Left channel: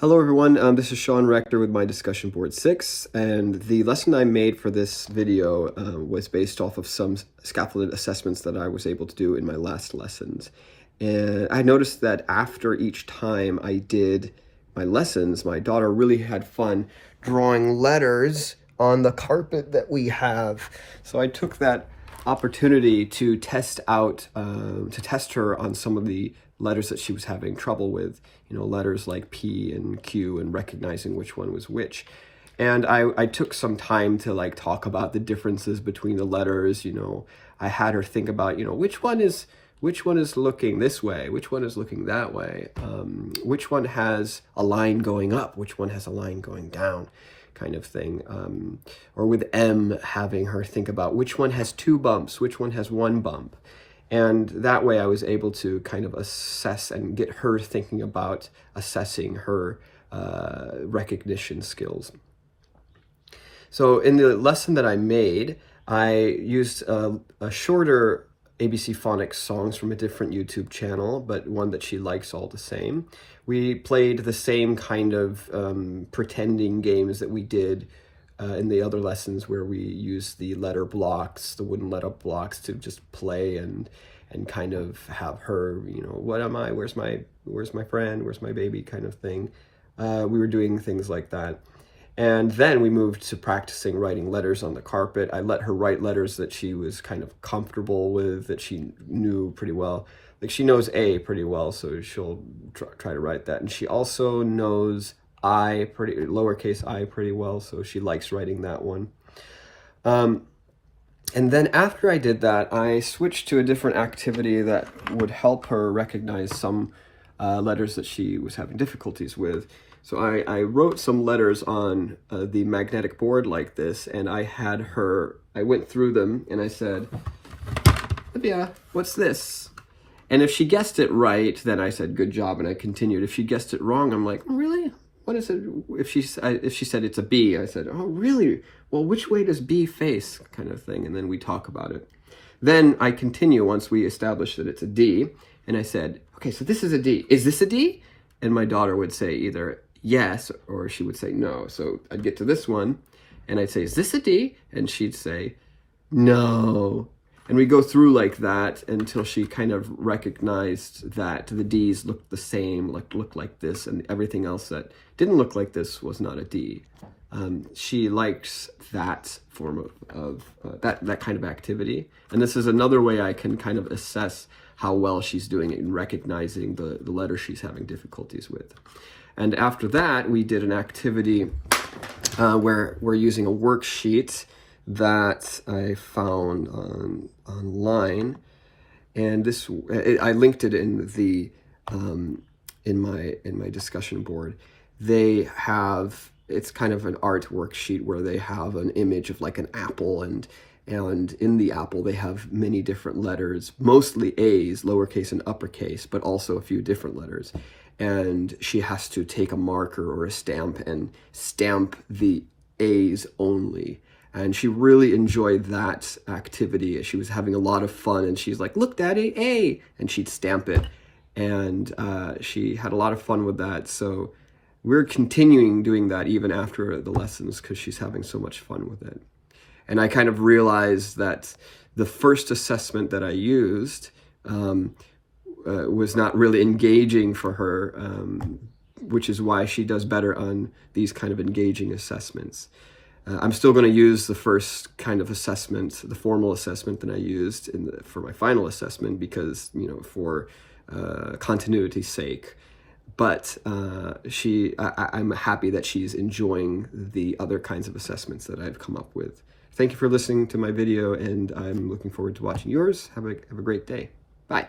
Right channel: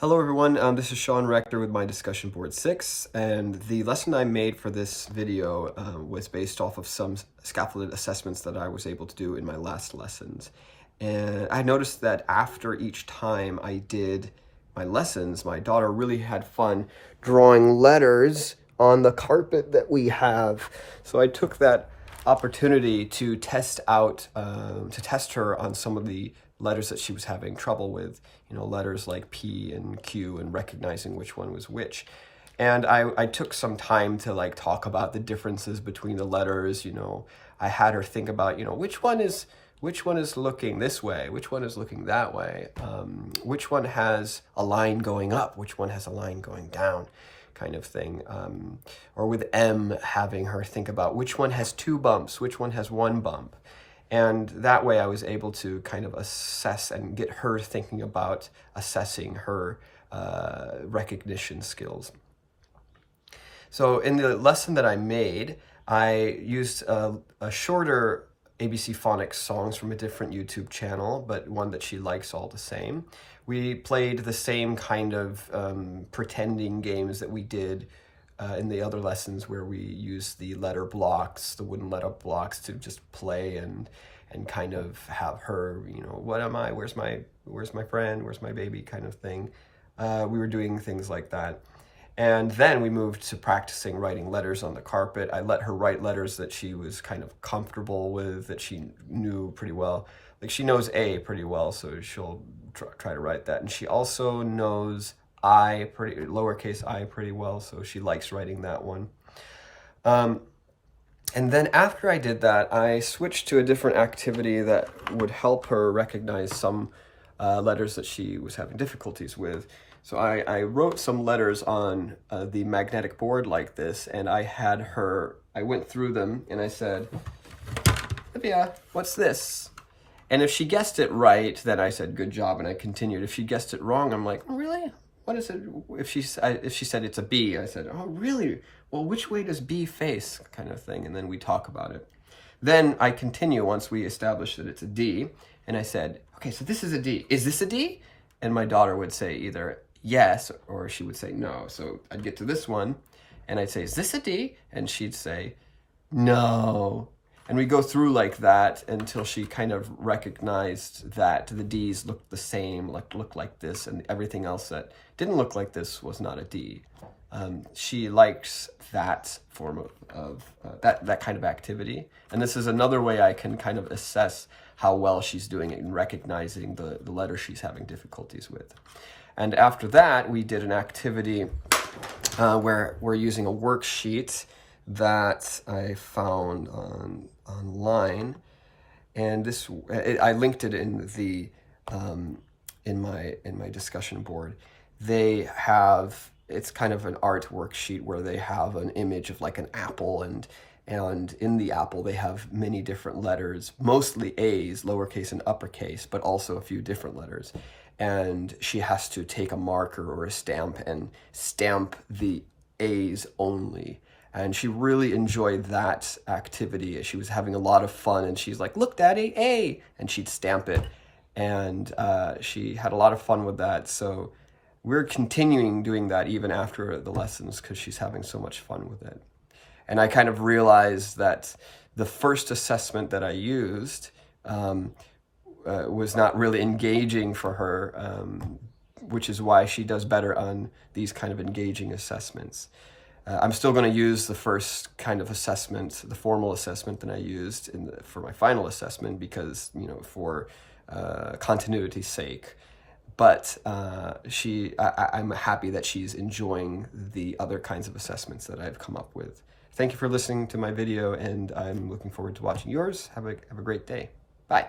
Hello everyone, this is Sean Rector with my discussion board 6, and the lesson I made for this video was based off of some scaffolded assessments that I was able to do in my last lessons. And I noticed that after each time I did my lessons, my daughter really had fun drawing letters on the carpet that we have. So I took that opportunity to test out, to test her on some of the letters that she was having trouble with, letters like P and Q, and recognizing which one was which. And I took some time to talk about the differences between the letters. I had her think about, which one is looking this way, which one is looking that way, which one has a line going up, which one has a line going down, kind of thing. Or with M, having her think about which one has 2 bumps, which one has 1 bump. And that way I was able to kind of assess and get her thinking about assessing her recognition skills. So in the lesson that I made, I used a shorter ABC phonics songs from a different YouTube channel, but one that she likes all the same. We played the same kind of pretending games that we did in the other lessons, where we used the letter blocks, the wooden letter blocks, to just play and kind of have her, what am I? Where's my friend? Where's my baby? Kind of thing. We were doing things like that. And then we moved to practicing writing letters on the carpet. I let her write letters that she was kind of comfortable with, that she knew pretty well. Like, she knows A pretty well, so she'll try to write that. And she also knows lowercase I pretty well, so she likes writing that one. And then after I did that, I switched to a different activity that would help her recognize some letters that she was having difficulties with. So I wrote some letters on the magnetic board like this, and I went through them and I said, Olivia, what's this? And if she guessed it right, then I said, good job, and I continued. If she guessed it wrong, I'm like, oh, really? What is it? If she said it's a B, I said, oh, really? Well, which way does B face, kind of thing? And then we talk about it. Then I continue once we establish that it's a D, and I said, okay, so this is a D. Is this a D? And my daughter would say either yes, or she would say no. So I'd get to this one, and I'd say, is this a D? And she'd say, no. And we go through like that until she kind of recognized that the D's looked the same, looked like this, and everything else that didn't look like this was not a D. She likes that form of that kind of activity. And this is another way I can kind of assess how well she's doing it in recognizing the letter she's having difficulties with. And after that, we did an activity where we're using a worksheet that I found online, and I linked it in the in my discussion board. It's kind of an art worksheet where they have an image of like an apple, and in the apple they have many different letters, mostly A's, lowercase and uppercase, but also a few different letters. And she has to take a marker or a stamp and stamp the A's only. And she really enjoyed that activity. She was having a lot of fun, and she's like, look, Daddy, A, and she'd stamp it. And she had a lot of fun with that. So we're continuing doing that even after the lessons, because she's having so much fun with it. And I kind of realized that the first assessment that I used was not really engaging for her, which is why she does better on these kind of engaging assessments. I'm still going to use the first kind of assessment, the formal assessment that I used for my final assessment, because, for continuity's sake. But I'm happy that she's enjoying the other kinds of assessments that I've come up with. Thank you for listening to my video, and I'm looking forward to watching yours. Have a great day. Bye.